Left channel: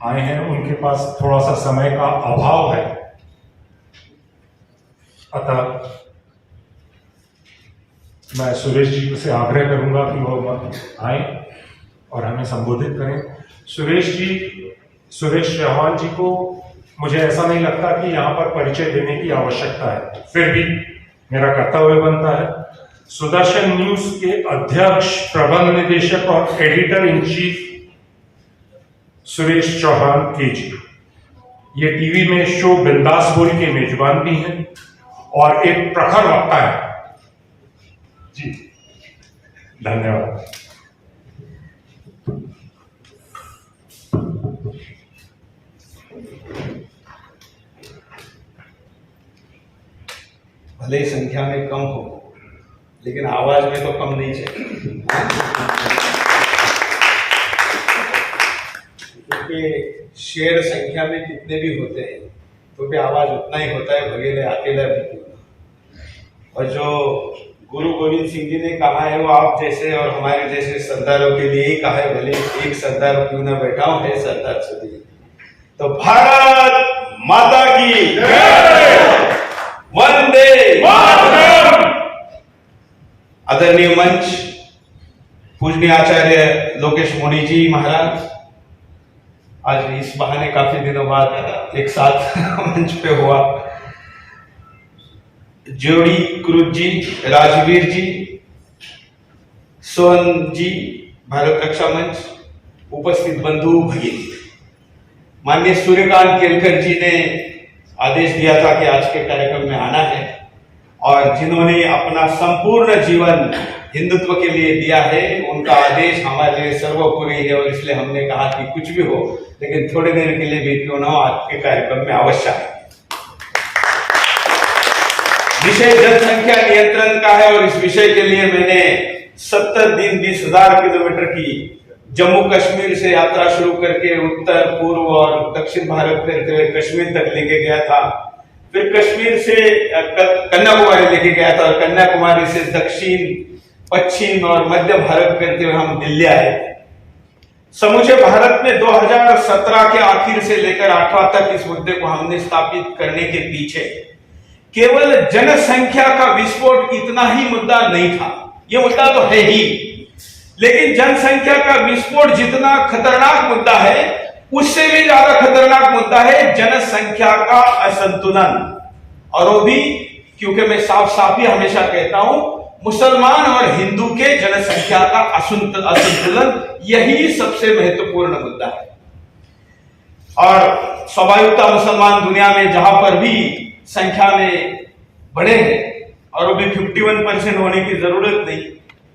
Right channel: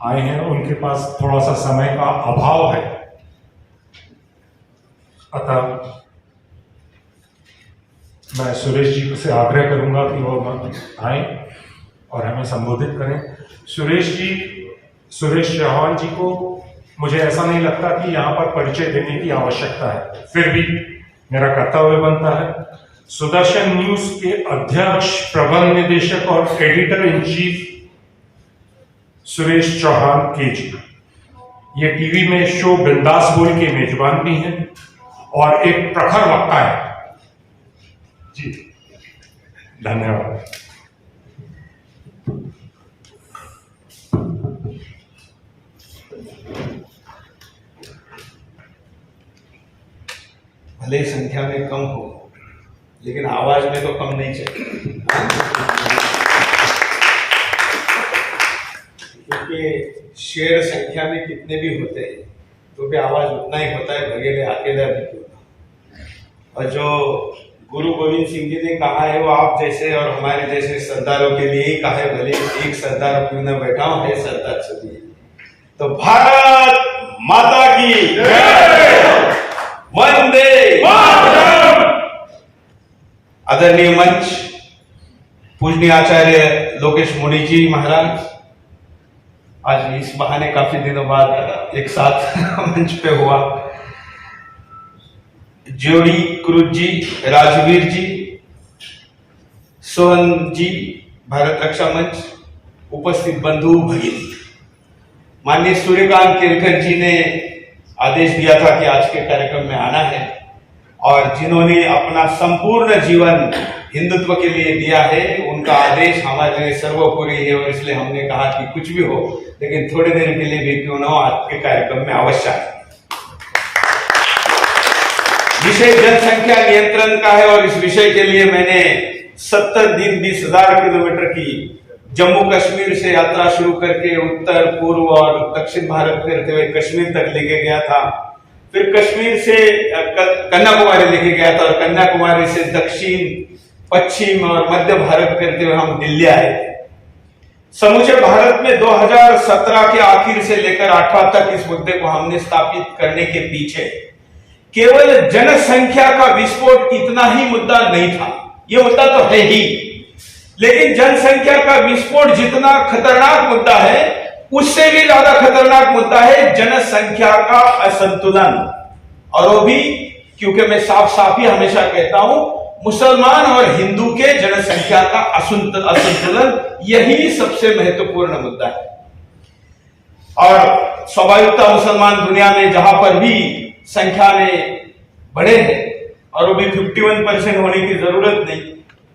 आए हैं, उनके पास थोड़ा सा समय का अभाव है, अतः मैं सुरेश जी से आग्रह करूंगा कि वो आए और हमें संबोधित करें। सुरेश चौहान जी को मुझे ऐसा नहीं लगता कि यहाँ पर परिचय देने की आवश्यकता है, फिर भी मेरा कर्तव्य बनता है। सुदर्शन न्यूज के अध्यक्ष, प्रबंध निदेशक और editor in chief Suresh Chauhan के जी, ये टीवी में शो बिंदास बोल के मेजबान भी हैं और एक प्रखर वक्ता है जी। धन्यवाद। भले संख्या में कम हो, लेकिन आवाज में तो कम नहीं चाहिए, क्योंकि शेर संख्या में कितने भी होते हैं तो भी आवाज उतना ही होता है, भगेले अकेला भी क्यों ना। और जो गुरु गोविंद सिंह जी ने कहा है वो आप जैसे और हमारे जैसे सरदारों के लिए ही कहा है, भले एक सरदार क्यों ना बैठा हूं, है सरदार सभी। तो भारत माता की जय, वंदे मातरम। आदरणीय मंच, पूजनीय आचार्य लोकेश मुनि जी महाराज, आज इस बहाने काफी दिनों बाद एक साथ मंच पे हुआ। जोड़ी क्रूज जी, राजवीर जी, सोहन जी, भारत रक्षा मंच, उपस्थित बंधु भगिनी, माननीय सूर्यकांत केरकर जी ने आदेश दिया था कि आज के कार्यक्रम में आना है, और जिन्होंने अपना संपूर्ण जीवन हिंदुत्व के लिए दिया है, उनका आदेश हमारे लिए सर्वोपरि है। और इसलिए हमने कहा कि कुछ भी हो, लेकिन थोड़ी देर के लिए भी क्यों ना हो, आपके कार्यक्रम में अवश्य है। विषय जनसंख्या नियंत्रण का है और इस विषय के लिए मैंने 70 दिन 20,000 किलोमीटर की जम्मू कश्मीर से यात्रा शुरू करके उत्तर, पूर्व और दक्षिण भारत करते हुए कश्मीर तक लेके गया था। फिर कश्मीर से कन्याकुमारी लेके गया था, और कन्याकुमारी से दक्षिण, पश्चिम और मध्य भारत करते हुए हम दिल्ली आए थे। समूचे भारत में 2017 के आखिर से लेकर 18 तक इस मुद्दे को हमने स्थापित करने के पीछे केवल जनसंख्या का विस्फोट इतना ही मुद्दा नहीं था, यह मुद्दा तो है ही, लेकिन जनसंख्या का विस्फोट जितना खतरनाक मुद्दा है, उससे भी ज्यादा खतरनाक मुद्दा है जनसंख्या का असंतुलन। और वो भी क्योंकि मैं साफ साफ ही हमेशा कहता हूं, मुसलमान और हिंदू के जनसंख्या का असंतुलन, यही सबसे महत्वपूर्ण मुद्दा है। और स्वाभाविकता मुसलमान दुनिया में जहां पर भी संख्या में बड़े हैं, और वो भी 51% होने की जरूरत नहीं,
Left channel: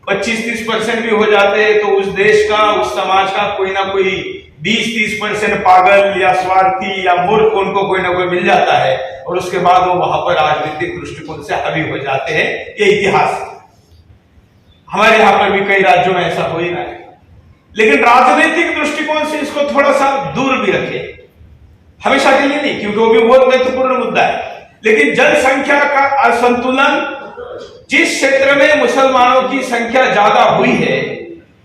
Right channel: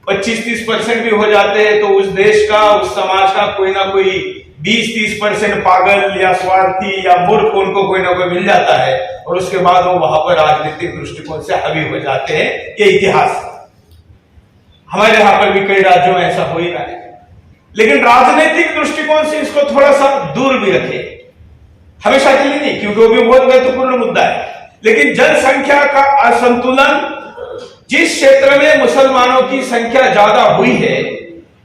25-30% भी हो जाते हैं, तो उस देश का, उस समाज का कोई ना कोई 20-30% पागल या स्वार्थी या मूर्ख उनको कोई ना कोई मिल जाता है, और उसके बाद वो वहां पर राजनीतिक दृष्टिकोण से हावी हो जाते हैं। ये इतिहास हमारे यहां पर भी कई राज्यों में ऐसा हो ही रहा है, लेकिन राजनीतिक दृष्टिकोण से इसको थोड़ा सा दूर भी रखे, हमेशा के लिए नहीं, क्योंकि वो भी बहुत महत्वपूर्ण मुद्दा है। लेकिन जनसंख्या का असंतुलन, जिस क्षेत्र में मुसलमानों की संख्या ज्यादा हुई है,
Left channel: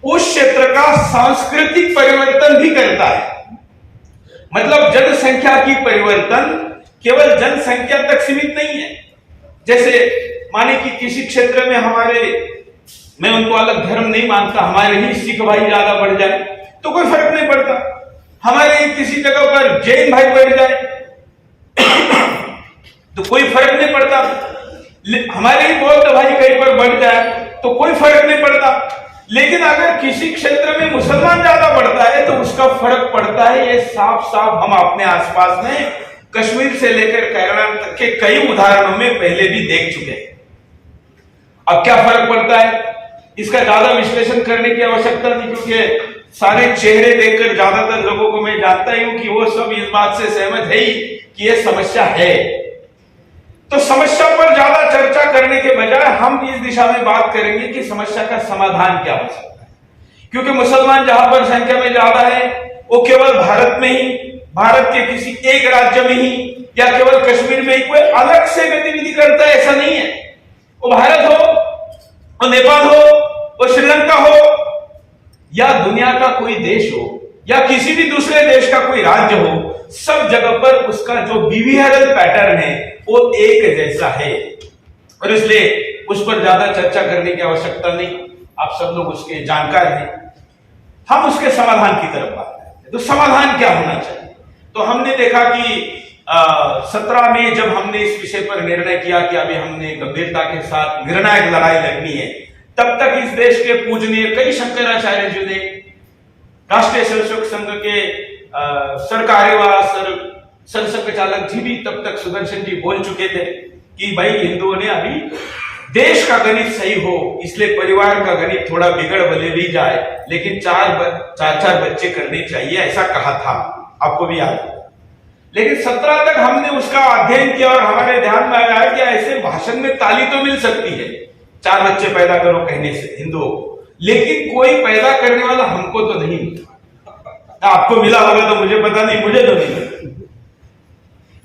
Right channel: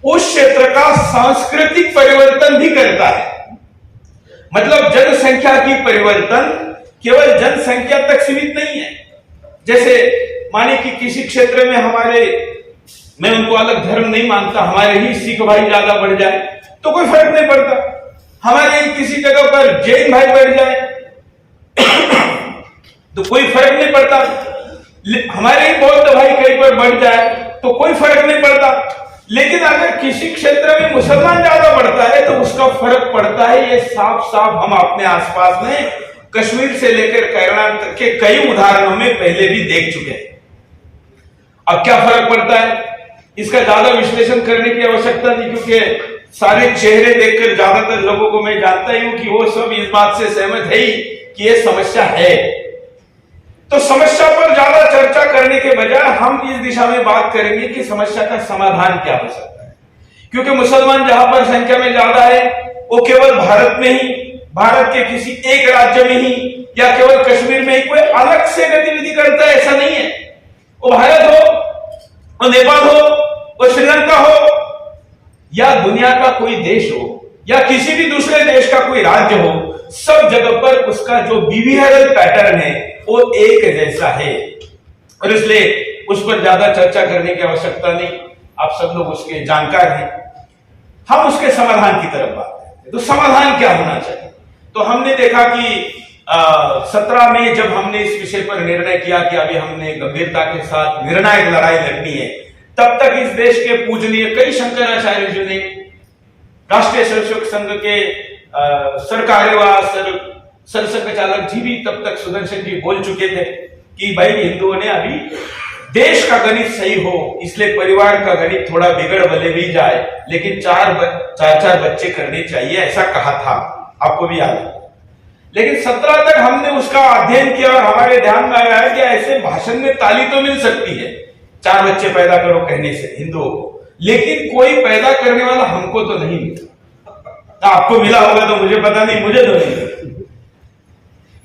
उस क्षेत्र का सांस्कृतिक परिवर्तन भी करता है। मतलब जनसंख्या की परिवर्तन केवल जनसंख्या तक सीमित नहीं है। जैसे माने कि किसी क्षेत्र में हमारे, मैं उनको अलग धर्म नहीं मानता, हमारे ही सिख भाई ज्यादा बढ़ जाए तो कोई फर्क नहीं पड़ता, हमारे किसी जगह पर जैन भाई बढ़ जाए तो कोई फर्क नहीं पड़ता, हमारे ही बौद्ध भाई कहीं पर बढ़ जाए तो कोई फर्क नहीं पड़ता। लेकिन अगर किसी क्षेत्र में मुसलमान ज्यादा बढ़ता है तो उसका फर्क पड़ता है। ये साफ साफ हम अपने आसपास में कश्मीर से लेकर केरला तक के कई उदाहरणों में पहले भी देख चुके हैं। अब क्या फर्क पड़ता है, इसका ज्यादा विश्लेषण करने की आवश्यकता नहीं, क्योंकि सारे चेहरे देखकर ज्यादातर लोगों को मैं जानता ही हूं कि वो सब इस बात से सहमत है ही कि ये समस्या है। तो समस्या पर ज्यादा चर्चा करने के बजाय हम इस दिशा में बात करेंगे कि समस्या का समाधान क्या हो सकता है। क्योंकि मुसलमान जहां पर संख्या में ज्यादा है, वो केवल भारत में ही, भारत के किसी एक राज्य में ही या केवल कश्मीर में ही कोई अलग से गतिविधि करता है, ऐसा नहीं है। वो भारत हो, वो नेपाल हो, वो श्रीलंका हो, या दुनिया का कोई देश हो, या किसी भी दूसरे देश का कोई राज्य हो, सब जगह पर उसका जो बिहेवियरल पैटर्न है वो एक जैसा है, और इसलिए उस पर ज्यादा चर्चा करने की आवश्यकता नहीं, आप सब लोग उसके जानकार हैं। हम उसके समाधान की तरफ बात करते हैं। तो समाधान क्या होना चाहिए? तो हमने देखा कि 17 में जब हमने इस विषय पर निर्णय किया कि अभी हमने गंभीरता के साथ निर्णायक लड़ाई लड़नी है, तब तक इस देश के पूजनीय कई शंकराचार्य जी ने, राष्ट्रीय स्वयंसेवक संघ के सरकार्यवाह सरसंघ चालक जी भी तब तक सुदर्शन जी बोल चुके थे कि भाई हिंदुओं ने अभी देश का गणित सही हो, इसलिए परिवार का गणित थोड़ा बिगड़ भले भी जाए, लेकिन चार बच्चे करने चाहिए, ऐसा कहा था, आपको भी याद है। लेकिन 17 तक हमने उसका अध्ययन किया और हमारे ध्यान में आया कि ऐसे भाषण में ताली तो मिल सकती है 4 बच्चे पैदा करो कहने से हिंदुओं को, लेकिन कोई पैदा करने वाला हमको तो नहीं मिला। आपको मिला होगा तो मुझे पता नहीं, मुझे तो नहीं मिला।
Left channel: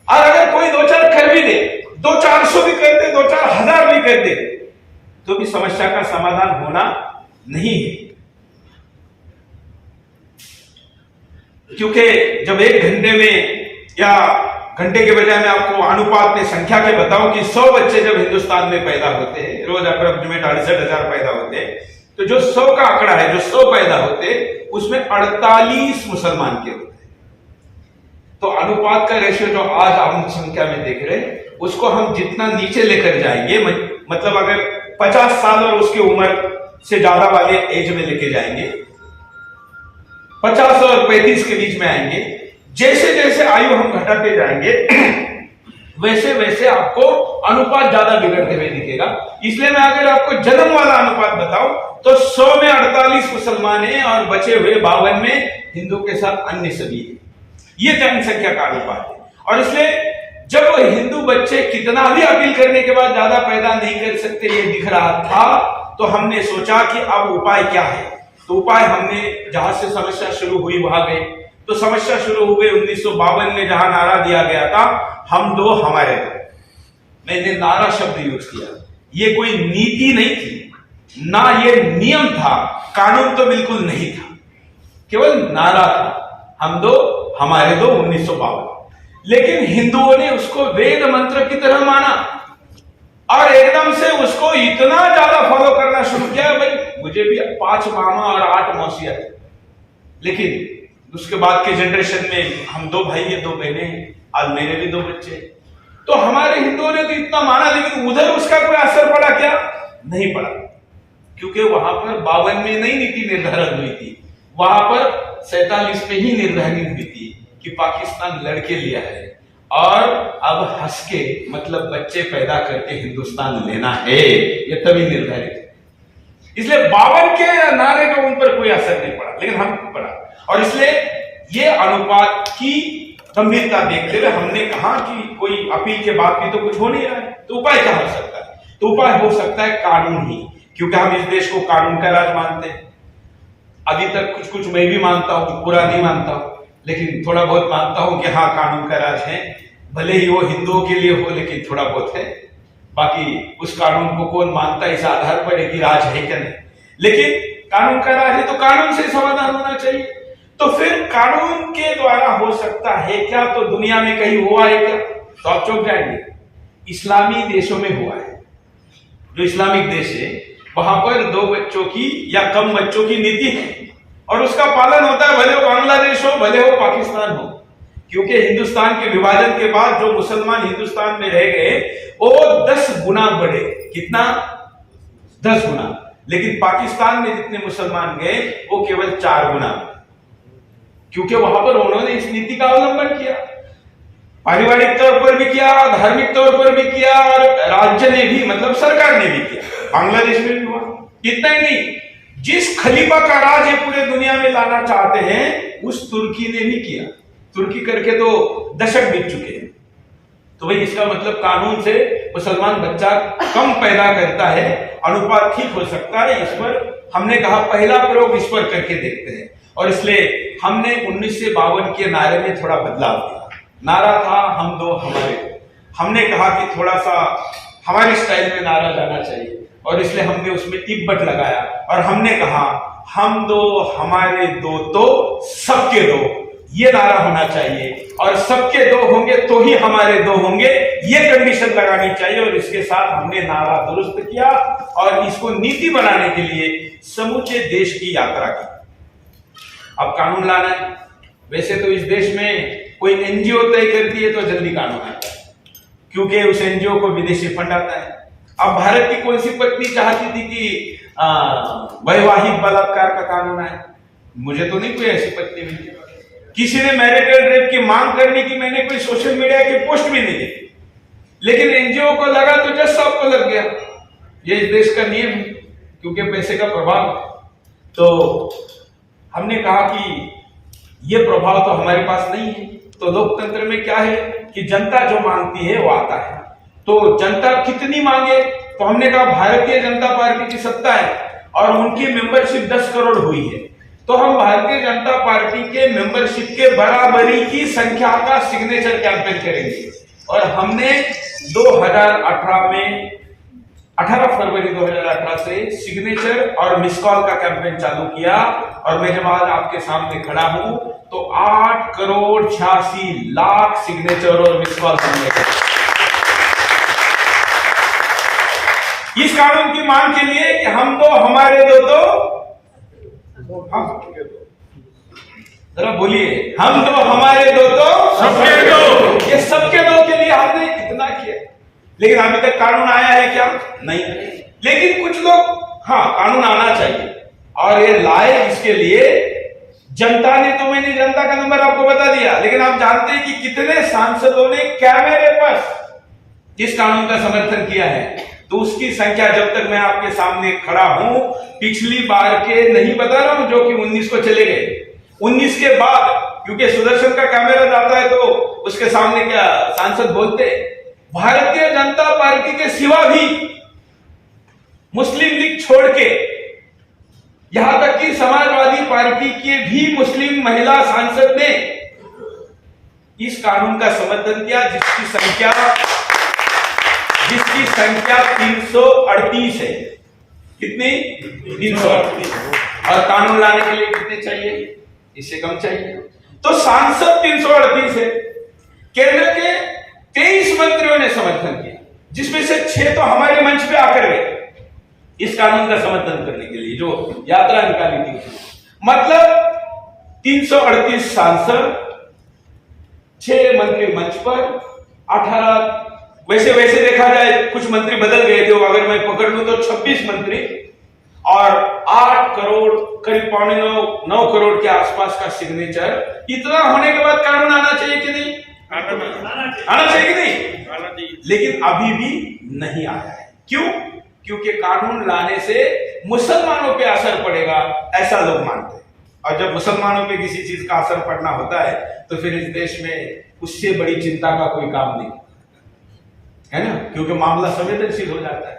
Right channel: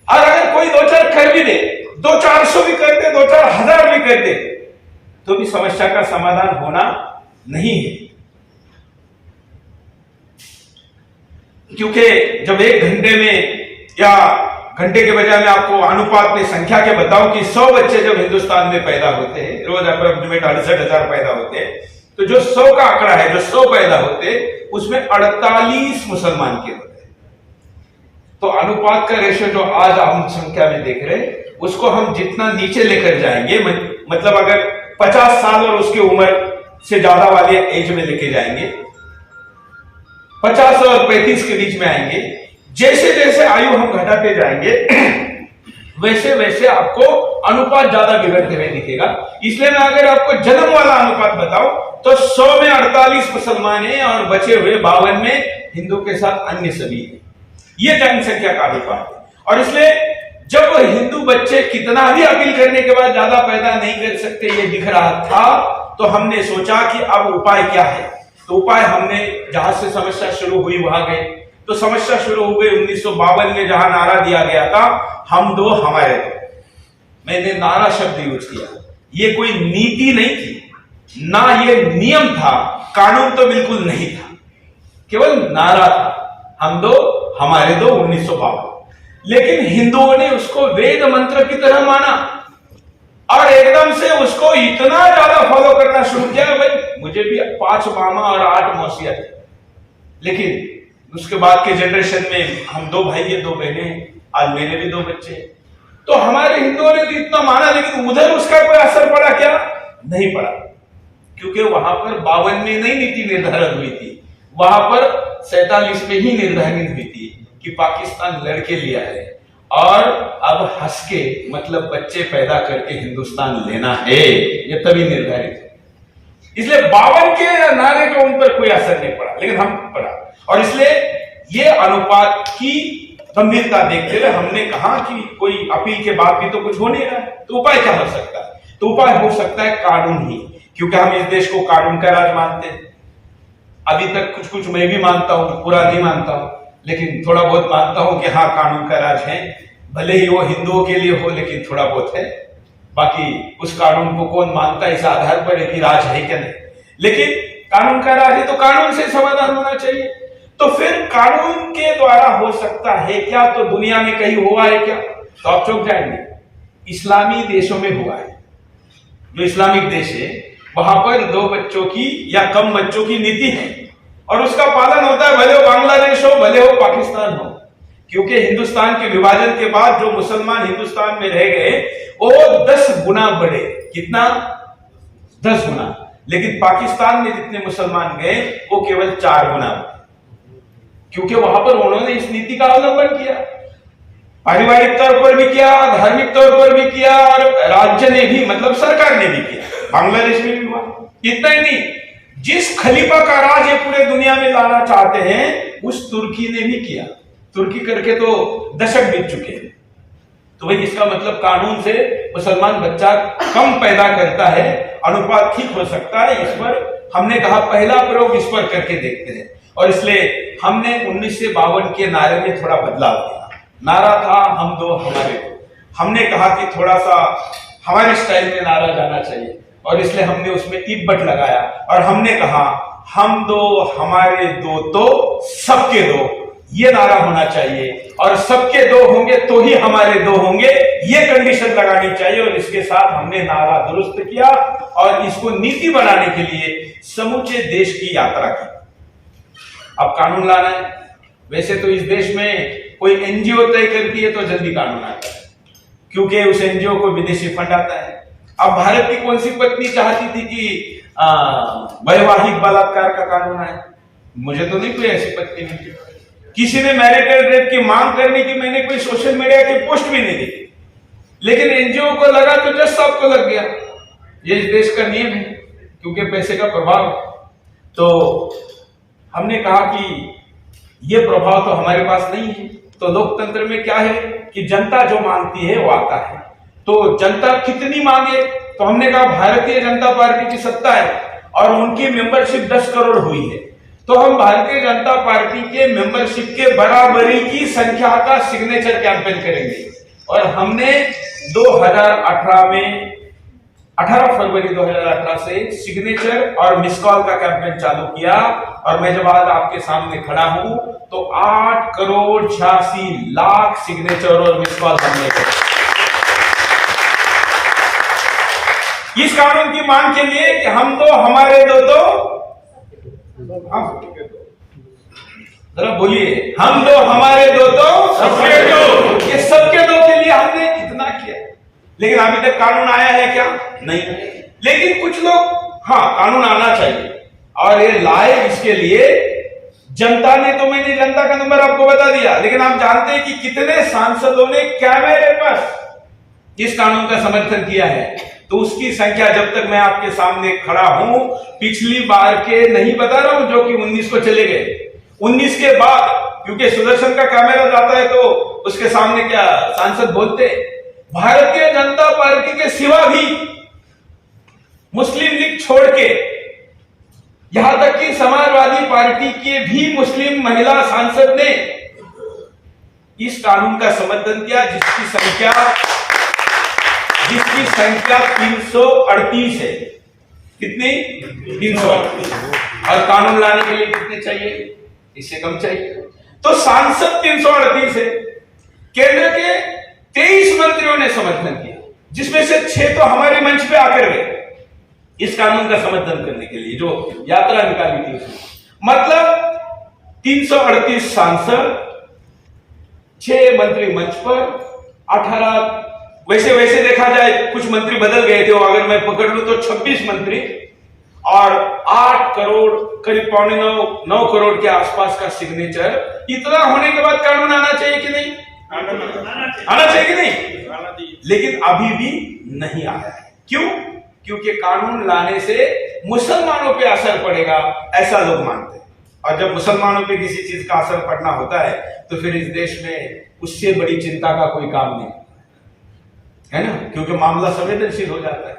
और अगर कोई 2-4 कर भी दे, 200-400 भी कर दे, 2-4 हजार भी कर दे, तो भी समस्या का समाधान होना नहीं है। क्योंकि जब 1 घंटे में या घंटे के बजाय मैं आपको अनुपात में संख्या के बताऊं कि 100 बच्चे जब हिंदुस्तान में पैदा होते हैं, रोज अप्रोक्सीमेट 68,000 पैदा होते हैं, तो जो 100 का आंकड़ा है, जो 100 पैदा होते हैं, उसमें 48 मुसलमान के होते हैं। तो अनुपात का रेशियो जो आज हम संख्या में देख रहे हैं, उसको हम जितना नीचे लेकर जाएंगे, मतलब अगर 50 साल और उसकी उम्र से ज्यादा वाले एज में लेके जाएंगे, 50 और 35 के बीच में आएंगे, जैसे जैसे आयु हम घटाते जाएंगे वैसे वैसे आपको अनुपात ज्यादा बिगड़ते हुए दिखेगा। इसलिए मैं अगर आपको जन्म वाला अनुपात बताऊं तो 100 में 48 मुसलमान हैं और बचे हुए 52 में हिंदू के साथ अन्य सभी हैं। ये जनसंख्या का अनुपात है। और इसलिए जब हिंदू बच्चे कितना भी अपील करने के बाद ज्यादा पैदा नहीं कर सकते ये दिख रहा था, तो हमने सोचा कि अब उपाय क्या है। तो उपाय हमने जहां से समस्या शुरू हुई वहां गए। तो समस्या शुरू हो गई 1952 में, जहां नारा दिया गया था हम दो हमारे दो। मैंने नारा शब्द यूज किया, ये कोई नीति नहीं थी, ना ये नियम था, कानून तो बिल्कुल नहीं था, केवल नारा था, हम दो हमारे दो 1952। लेकिन हिंदुओं ने उसको वेद मंत्र की तरह माना और एकदम से उसको इतना ज्यादा फॉलो करना शुरू किया। भाई मुझे भी 5 मामा और 8 मौसिया थे, लेकिन उसके बाद के जनरेशन में हम 2 भाई है, 2 बहनें हैं, आज मेरे भी 2 बच्चे। तो हमारे हिंदुओं ने तो इतना माना, लेकिन उधर उसका कोई असर पड़ा क्या? नहीं पड़ा, क्योंकि वहां पर 52 में नई नीति निर्धारित हुई थी, वहां पर 47 में ही निर्धारित हुई थी कि पाकिस्तान लड़के लिया है और अब हंस के मतलब बच्चे पैदा करके हिंदुस्तान लेना है, ये तभी निर्धारित है। इसलिए 52 के नारे का उन पर कोई असर नहीं पड़ा, लेकिन हम पड़ा। और इसलिए ये अनुपात की गंभीरता देखते हुए हमने कहा कि कोई अपील के बाद भी तो कुछ हो नहीं रहा है, तो उपाय क्या हो सकता है? तो उपाय हो सकता है कानून ही, क्योंकि हम इस देश को कानून का राज मानते हैं। अभी तक कुछ कुछ मैं भी मानता हूं, पूरा नहीं मानता हूं, लेकिन थोड़ा बहुत मानता हूं कि हाँ कानून का राज है, भले ही वो हिंदुओं के लिए हो, लेकिन थोड़ा बहुत है। बाकी उस कानून को कौन मानता है इस आधार पर है कि राज है क्या नहीं, लेकिन कानून का राज है तो कानून से समाधान होना चाहिए। तो फिर कानून के द्वारा हो सकता है क्या? तो दुनिया में कहीं हुआ है क्या? तो आप चौंक जाएंगे, इस्लामी देशों में हुआ है। जो इस्लामिक देश है वहां पर 2 बच्चों की या कम बच्चों की नीति है और उसका पालन होता है, भले हो बांग्लादेश हो भले हो पाकिस्तान हो। क्योंकि हिंदुस्तान के विभाजन के बाद जो मुसलमान हिंदुस्तान में रह गए वो 10 गुना बढ़े। कितना? 10 गुना। लेकिन पाकिस्तान में जितने मुसलमान गए वो केवल 4 गुना, क्योंकि वहां पर उन्होंने इस नीति का अवलंबन किया, पारिवारिक तौर पर भी किया, धार्मिक तौर पर भी किया और राज्य ने भी, मतलब सरकार ने भी किया। बांग्लादेश में भी हुआ। इतना ही नहीं, जिस खलीफा का राज ये पूरे दुनिया में लाना चाहते हैं उस तुर्की ने भी किया। तुर्की करके तो दशक बीत चुके हैं। तो भाई इसका मतलब कानून से मुसलमान बच्चा कम पैदा करता है, अनुपात ठीक हो सकता है। इस पर हमने कहा पहला प्रयोग इस पर करके देखते हैं, और इसलिए हमने 1952 के नारे में थोड़ा बदलाव किया। नारा था हम दो हमारे दो, हमने कहा कि थोड़ा सा हमारे स्टाइल में नारा जाना चाहिए, और इसलिए हमने उसमें इब्बट लगाया और हमने कहा हम दो हमारे दो तो सबके दो, ये नारा होना चाहिए। और सबके दो होंगे तो ही हमारे दो होंगे, ये कंडीशन लगानी चाहिए। और इसके साथ हमने नारा दुरुस्त किया और इसको नीति बनाने के लिए समूचे देश की यात्रा की। अब कानून लाना है। वैसे तो इस देश में कोई एनजीओ तय करती है तो जल्दी कानून आता है, क्योंकि उस एनजीओ को विदेशी फंड आता है। अब भारत की कौन सी पत्नी चाहती थी कि वैवाहिक बलात्कार का कानून आए? मुझे तो नहीं कोई ऐसी पत्नी मिली। किसी ने मैरिटल रेप की मांग करने की मैंने कोई सोशल मीडिया की पोस्ट भी नहीं देखी, लेकिन एनजीओ को लगा तो जज साहब को लग गया। ये इस देश का नियम है, क्योंकि पैसे का प्रभाव है। तो हमने कहा कि ये प्रभाव तो हमारे पास नहीं है। तो लोकतंत्र में क्या है कि जनता जो मांगती है वो आता है। तो जनता कितनी मांगे, तो हमने कहा भारतीय जनता पार्टी की सत्ता है और उनकी मेंबरशिप 10 करोड़ हुई है, तो हम भारतीय जनता पार्टी के मेंबरशिप के बराबरी की संख्या का सिग्नेचर कैंपेन करेंगे। और हमने 2018 में 18 फरवरी 2018 से सिग्नेचर और मिस कॉल का कैंपेन चालू किया। और मैं जब आज आपके सामने खड़ा हूं तो 8 करोड़ 86 लाख सिग्नेचर और मिस कॉल हमने किया इस कानून की मांग के लिए कि हम दो हमारे दो तो हम, जरा बोलिए, हम दो हमारे दो तो सबके दो। ये सबके दो के लिए हमने कितना किया, लेकिन अभी तक कानून आया है क्या? नहीं। लेकिन कुछ लोग, हाँ कानून आना चाहिए और ये लाए, इसके लिए जनता ने, तो मैंने जनता का नंबर आपको बता दिया, लेकिन आप जानते हैं कि कितने सांसदों ने कैमरे पर इस कानून का समर्थन किया है? तो उसकी संख्या, जब तक मैं आपके सामने खड़ा हूं, पिछली बार के नहीं बता रहा हूं जो कि 19 को चले गए, 19 के बाद, क्योंकि सुदर्शन का कैमरा जाता है तो उसके सामने क्या सांसद बोलते, भारतीय जनता पार्टी के सिवा भी मुस्लिम लीग छोड़ के यहां तक कि समाजवादी पार्टी के भी मुस्लिम महिला सांसद ने इस कानून का समर्थन किया, जिसकी संख्या 338 है। कितनी? 338। और कानून लाने के लिए कितने चाहिए? इससे कम चाहिए। तो सांसद 338 है। केंद्र के 23 मंत्रियों ने समर्थन किया, जिसमें से 6 तो हमारे मंच पे आकर गए इस कानून का समर्थन करने के लिए, जो यात्रा निकाली थी उसमें। मतलब 338 सांसद, 6 मंत्री मंच पर, 18, वैसे देखा जाए कुछ मंत्री बदल गए थे, अगर मैं पकड़ लूं तो 26 मंत्री और 8 करोड़ करीब 9 करोड़ के आसपास का सिग्नेचर। इतना होने के बाद कानून आना चाहिए कि नहीं? आना चाहिए कि नहीं? लेकिन अभी भी नहीं आया है। क्यों? क्योंकि कानून लाने से मुसलमानों पे असर पड़ेगा, ऐसा लोग मानते हैं। और जब मुसलमानों पे किसी चीज का असर पड़ना होता है तो फिर इस देश में उससे बड़ी चिंता का कोई काम नहीं है ना, क्योंकि मामला संवेदनशील हो जाता है।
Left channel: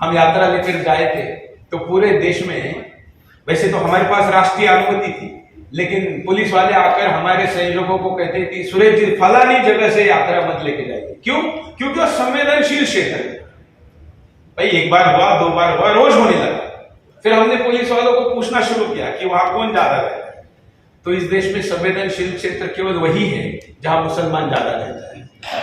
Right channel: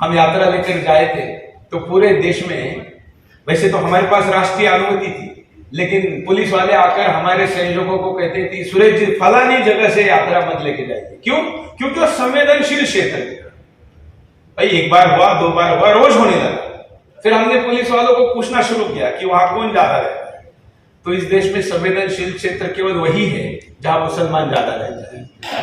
हम यात्रा लेकर गए थे तो पूरे देश में, वैसे तो हमारे पास राष्ट्रीय अनुमति थी, लेकिन पुलिस वाले आकर हमारे संयोजकों को कहते थे, सुरेश जी फलानी जगह से यात्रा मत लेके जाइए। क्यों? क्योंकि वो संवेदनशील क्षेत्र है। भाई एक बार हुआ, 2 बार हुआ, रोज होने लगा। फिर हमने पुलिस वालों को पूछना शुरू किया कि वहां कौन ज्यादा रहता है। तो इस देश में संवेदनशील क्षेत्र केवल वही है जहां मुसलमान ज्यादा रहता है।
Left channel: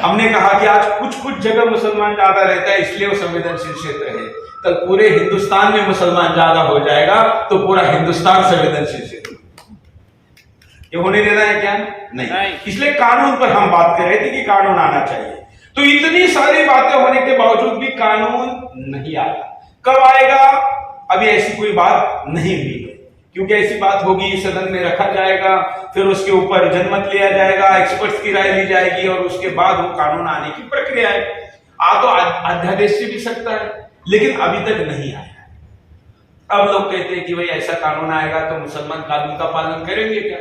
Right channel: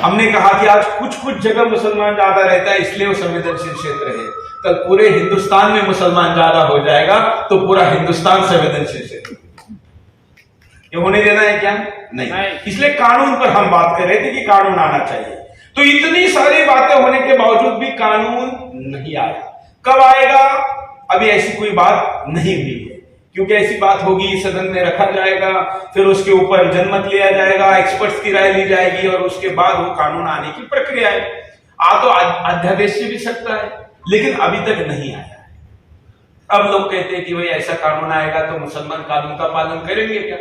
हमने कहा कि आज कुछ जगह मुसलमान ज्यादा रहता है, इसलिए वो संवेदनशील क्षेत्र है। कल पूरे हिंदुस्तान में मुसलमान ज्यादा हो जाएगा तो पूरा हिंदुस्तान संवेदनशील क्षेत्र। ये होने देना है क्या? नहीं। इसलिए कानून पर हम बात कर रहे थे कि कानून आना चाहिए। तो इतनी सारी बातें होने के बावजूद भी कानून नहीं आया। कब आएगा? अभी ऐसी कोई बात नहीं हुई है, क्योंकि ऐसी बात होगी सदन में रखा जाएगा, फिर उसके ऊपर जनमत लिया जाएगा, एक्सपर्ट्स की राय ली जाएगी और उसके बाद वो कानून आने की प्रक्रिया है। तो अध्यादेश से भी सकता है, लेकिन अभी तक नहीं आया। अब लोग कहते हैं कि भाई ऐसा कानून आएगा तो मुसलमान कानून का पालन करेंगे क्या?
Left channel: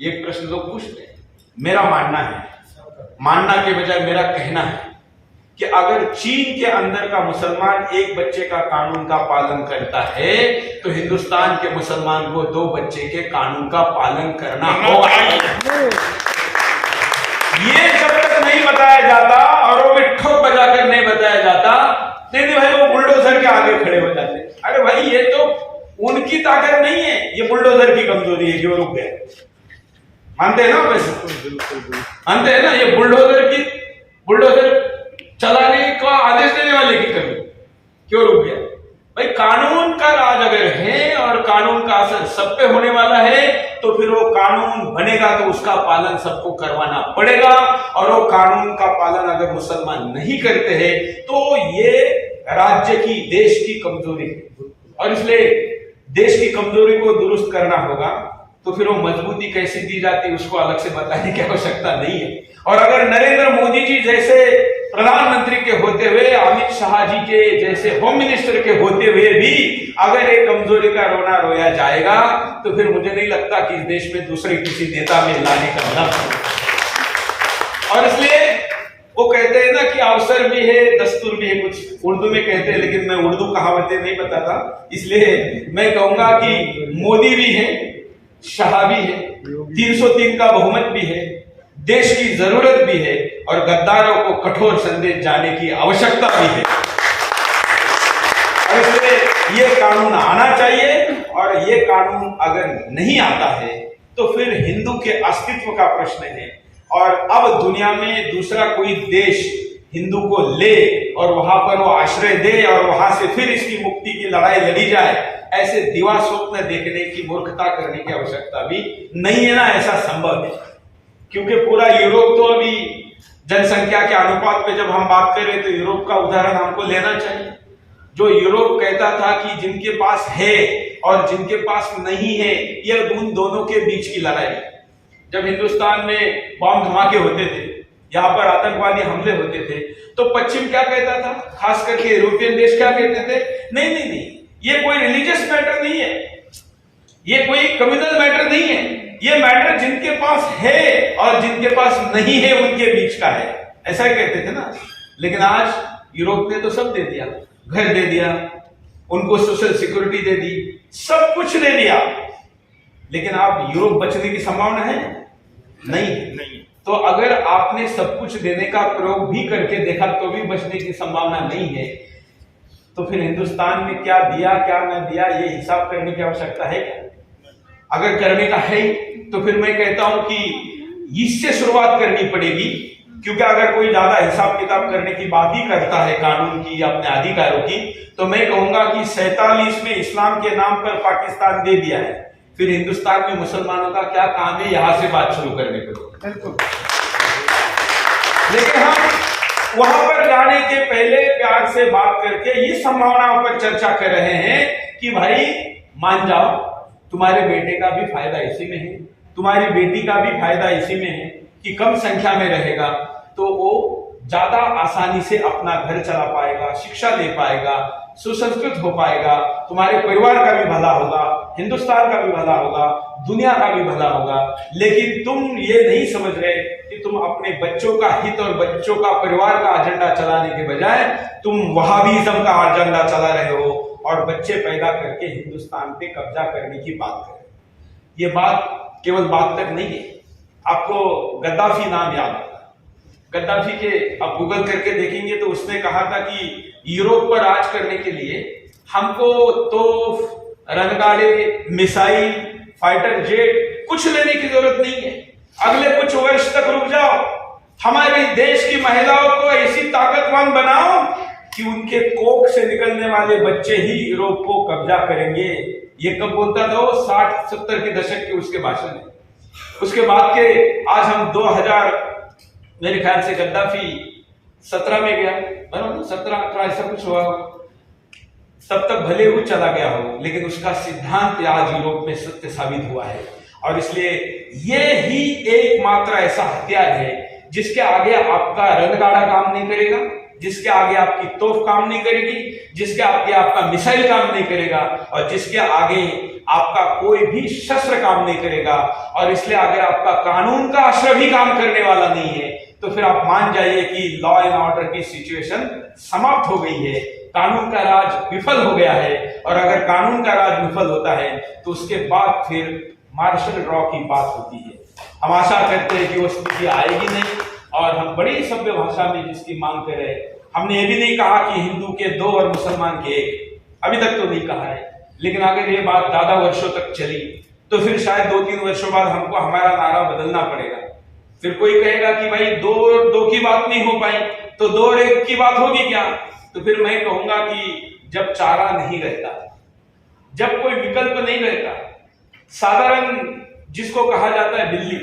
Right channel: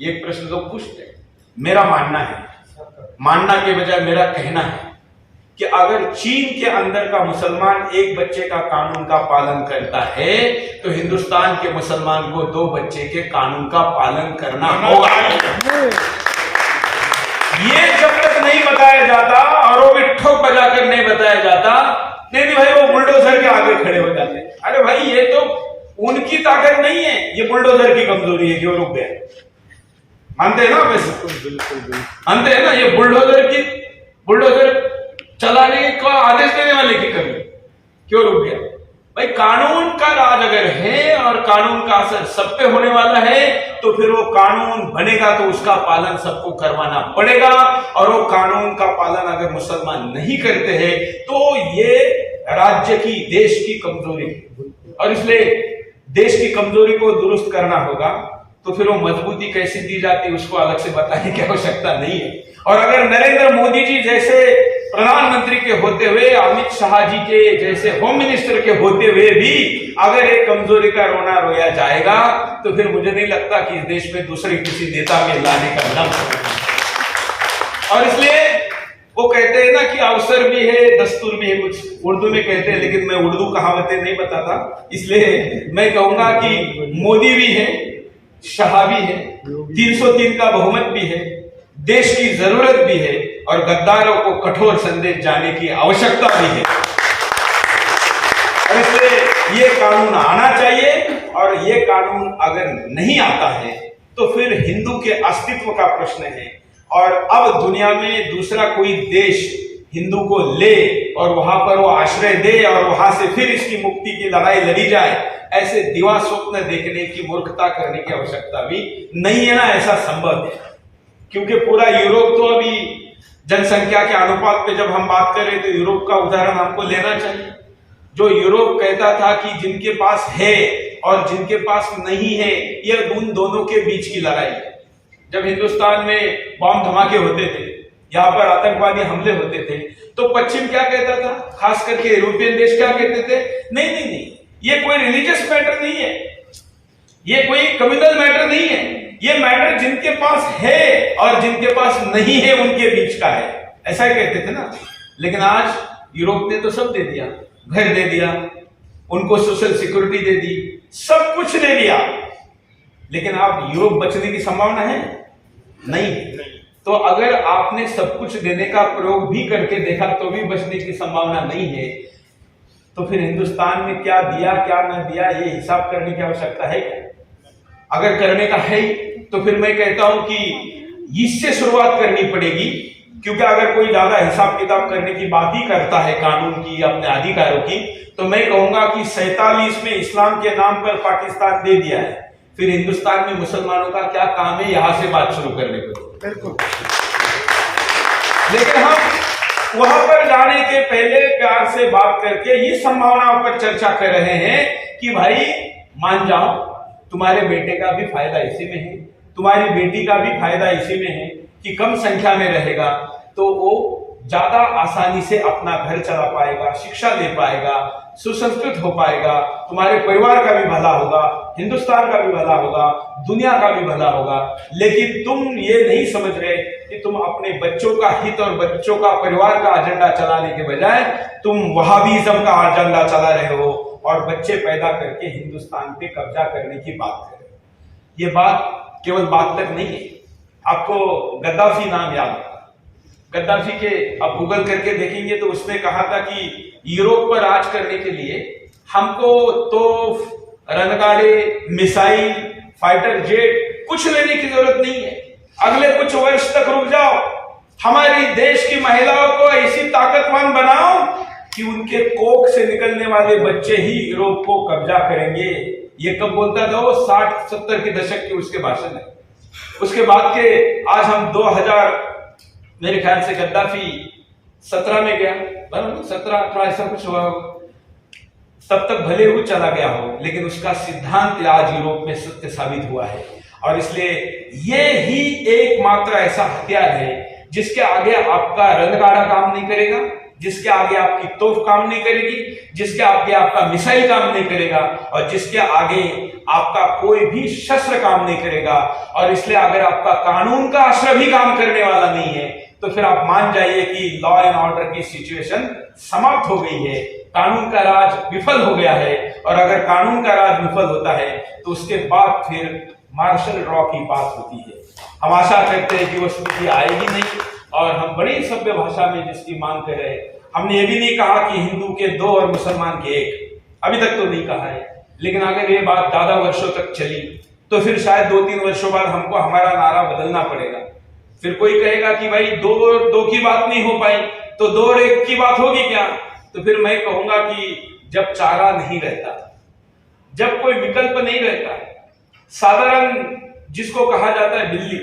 ये प्रश्न लोग पूछते हैं। मेरा मानना है, मानना के बजाय मेरा कहना है कि अगर चीन के अंदर का मुसलमान एक बच्चे का कानून का पालन करता है तो हिंदुस्तान के मुसलमान को 2 बच्चे के कानून का पालन करना होगा। ये जब तक नहीं बताया जाता और वो भी ठोक बजाकर नहीं बताया जाता, नहीं भाई वो बुलडोजर के आगे खड़े हो जाते। अरे भाई ये तो उनकी ताकत नहीं है, ये बुलडोजर की कमजोरी है कि वो रुक गए। मानते हैं ना आप ऐसे? मानते हैं ना? ये बुलडोजर चलाने का आदेश देने वाले की कमी, क्यों रुक गया? भाई कानून का राज अगर है और कानून का असर सब पे होने वाला है, तो फिर वो कानून बनेगा तो उसका पालन सबको करवाना पड़ेगा। और वो कानून का पालन अगर मुसलमान नहीं करते हैं तो ये राज्य की, देश की कमजोरी है। और इसलिए देश की कमजोरी को दुरुस्त करना होगा। तो फिर वो मजबूती कैसे दी जाती है उसको अलग से बताने की आवश्यकता नहीं है। और अगर नरेंद्र मोदी जी जैसे प्रधानमंत्री के होते हुए, अमित शाह जी के जैसे होम मिनिस्टर के होते हुए भी अगर एक कमजोरी का रोना रोया जाएगा, तो फिर मुझे नहीं लगता कि इस देश में दूसरे किसी नेता में लाने का दम है। और इसलिए वो कहते हैं ना कि अवसर भी है, दस्तूर भी है, कुछ उर्दू में कहते हैं, लेकिन मैं उर्दू कहावतें नहीं बताता, इसलिए मैं कहूंगा कि मोदी भी है, शाह भी है, 303 का बहुमत भी है, देश की जरूरत भी है और गद्दारों को कठोर संदेश जाने की आवश्यकता भी है। और इसलिए ये कानून आना चाहिए। और ये कानून अगर नहीं आता है तो फिर हिंदू के अस्तित्व का प्रश्न है। और अब दुनिया में दूसरा कोई देश हिंदू को ले और वहां पर वो आश्रय दे और वहां से फिर इसकी मुक्ति की लड़ाई लड़ी जाए, ऐसे दिवा स्वप्न देखने की, मूर्खता करने की आवश्यकता भी नहीं है ना। ऐसा संभव है क्योंकि पूरा यूरोप तो अभी जनसंख्या के अनुपात पे जब हम बात करें तो यूरोप का उदाहरण हमको लेना चाहिए। जो यूरोप कहता था कि जिनके पास है और जिनके पास नहीं है, ये उन दोनों के बीच की लड़ाई है। जब हिंदुस्तान में बॉम्ब धमाके होते थे, यहाँ पर आतंकवादी हमले होते थे, तो पश्चिम क्या कहता था, खास करके यूरोपियन देश क्या कहते थे, नहीं नहीं नहीं, ये कोई रिलीजियस मैटर नहीं है, ये कोई कम्युनल मैटर नहीं है, ये मैटर जिनके पास है और जिनके पास नहीं है उनके बीच का है, ऐसा ही कहते थे ना। लेकिन आज यूरोप ने तो सब दे दिया, घर दे दिया, उनको सोशल सिक्योरिटी दे दी, सब कुछ दे दिया, लेकिन आप यूरोप बचने की संभावना है? नहीं। तो अगर आपने सब कुछ देने का प्रयोग भी करके देखा तो भी बचने की संभावना नहीं है, तो फिर हिंदुस्तान में क्या दिया क्या न दिया ये हिसाब करने की आवश्यकता है क्या? अगर करने का है तो फिर मैं कहता हूं कि इससे शुरुआत करनी पड़ेगी। क्योंकि अगर कोई ज्यादा हिसाब किताब करने की बात ही करता है कानून की, अपने अधिकारों की, तो मैं कहूंगा कि 47 में इस्लाम के नाम पर पाकिस्तान दे दिया है, फिर हिंदुस्तान में मुसलमानों का क्या काम है यहां से बात शुरू करने पर? लेकिन हम वहां पर जाने के पहले प्यार से बात करके ये संभावनाओं पर चर्चा कर रहे हैं कि भाई मान जाओ, तुम्हारे बेटे का भी फायदा इसी में है, तुम्हारी बेटी का भी फायदा इसी में है कि कम संख्या में रहेगा तो वो ज्यादा आसानी से अपना घर चला पाएगा, शिक्षा ले पाएगा, सुसंस्कृत हो पाएगा, तुम्हारे परिवार का भी भला होगा, हिंदुस्तान का भी भला होगा, दुनिया का भी भला होगा। लेकिन तुम ये नहीं समझ रहे कि तुम अपने बच्चों का हित और बच्चों का परिवार का एजेंडा चलाने के बजाय तुम वहाबिज्म का एजेंडा चला रहे हो और बच्चे पैदा करके हिंदुस्तान पे कब्जा करने की बात कर रहे हो। ये बात केवल बात तक नहीं है। आपको गद्दाफी नाम याद है? गद्दाफी के आप गूगल करके देखेंगे तो उसने कहा था कि यूरोप पर राज करने के लिए हमको तो रणगाड़े, मिसाइल, फाइटर जेट कुछ लेने की जरूरत नहीं है, अगले कुछ वर्ष तक रुक जाओ, हमारे देश की महिलाओं को ऐसी ताकतवान बनाओ कि उनके कोख से निकलने वाले बच्चे ही यूरोप को कब्जा करेंगे। ये कब बोलता था वो? 60-70 के दशक के उसके भाषण है। उसके बाद के आज हम 2000 मेरे ख्याल से गद्दाफी 17 में गया, बराबर 17-18 ऐसा कुछ हुआ, तब तक भले वो चला गया हो, लेकिन उसका सिद्धांत आज यूरोप में सत्य साबित हुआ है। और इसलिए ये ही एकमात्र ऐसा हथियार है जिसके आगे आपका रणगाड़ा काम नहीं करेगा, जिसके आगे आपकी तोप काम नहीं करेगी, जिसके आगे आपका मिसाइल काम नहीं करेगा और जिसके आगे आपका कोई भी शस्त्र काम नहीं करेगा। और इसलिए अगर आपका कानून का आश्रय भी काम करने वाला नहीं है तो फिर आप मान जाइए कि लॉ एंड ऑर्डर की सिचुएशन समाप्त हो गई है, कानून का राज विफल हो गया है। और अगर कानून का राज विफल होता है तो उसके बाद फिर मार्शल लॉ की बात होती है। हम आशा करते हैं कि वो स्थिति आएगी नहीं और हम बड़ी सभ्य भाषा में जिसकी मांग कर रहे हैं। हमने ये भी नहीं कहा कि हिंदू के 2 और मुसलमान के 1, अभी तक तो नहीं कहा है, लेकिन अगर ये बात ज्यादा वर्षों तक चली तो फिर शायद 2-3 वर्षों बाद हमको हमारा नारा बदलना पड़ेगा। फिर कोई कहेगा कि भाई दो की बात नहीं हो पाई तो 2 और 1 की बात होगी क्या? तो फिर मैं कहूंगा कि जब चारा नहीं रहता, जब कोई विकल्प नहीं रहता, साधारण जिसको कहा जाता है बिल्ली,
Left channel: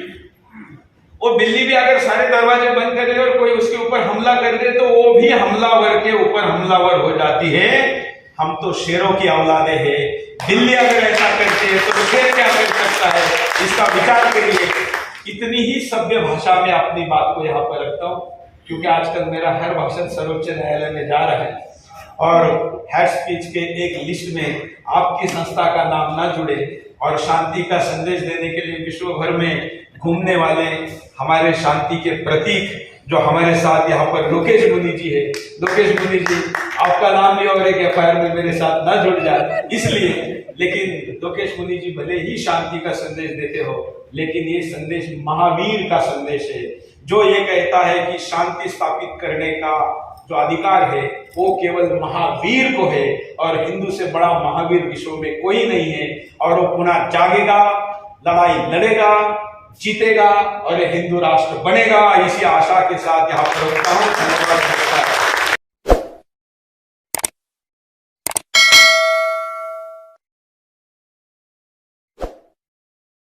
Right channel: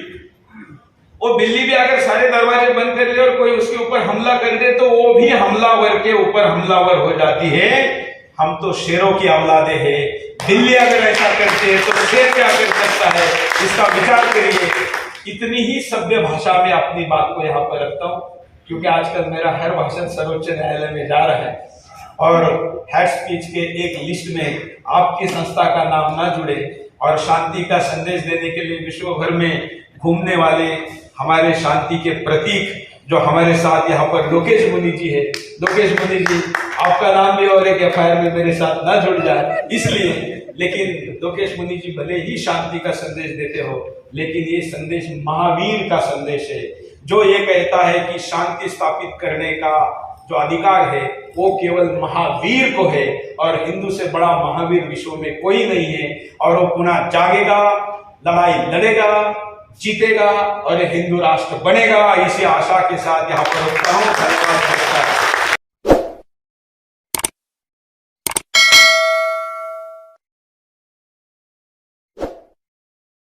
वो बिल्ली भी अगर सारे दरवाजे बंद कर ले और कोई उसके ऊपर हमला कर दे तो वो भी हमलावर के ऊपर हमलावर हो जाती है। हम तो शेरों की औलादे हैं, बिल्ली अगर ऐसा करते हैं तो शेर क्या कर सकता है, इसका विचार करिए। इतनी ही सभ्य भाषा में अपनी बात को यहाँ पर रखता हूँ, क्योंकि आजकल मेरा हर भाषण सर्वोच्च न्यायालय में जा रहा है और हेड स्पीच के एक लिस्ट में आपकी संस्था का नाम ना जुड़े और शांति का संदेश देने के लिए विश्व भर में घूमने वाले हमारे शांति के प्रतीक जो हमारे साथ यहाँ पर लोकेश मुनि जी है, लोकेश मुनि जी आपका नाम भी और एक एफआईआर में मेरे साथ ना जुड़ जाए इसलिए। लेकिन लोकेश मुनि जी भले ही शांति का संदेश देते हो, लेकिन ये संदेश महावीर का संदेश है, जो ये कहता है कि शांति स्थापित करने का जो अधिकार है वो केवल महावीर को है और हिंदू से बड़ा महावीर विश्व में कोई नहीं है। और वो पुनः जागेगा, लड़ाई लड़ेगा, जीतेगा और हिंदू राष्ट्र बनेगा। इसी आशा के साथ यहाँ पर रुकता हूँ। धन्यवाद।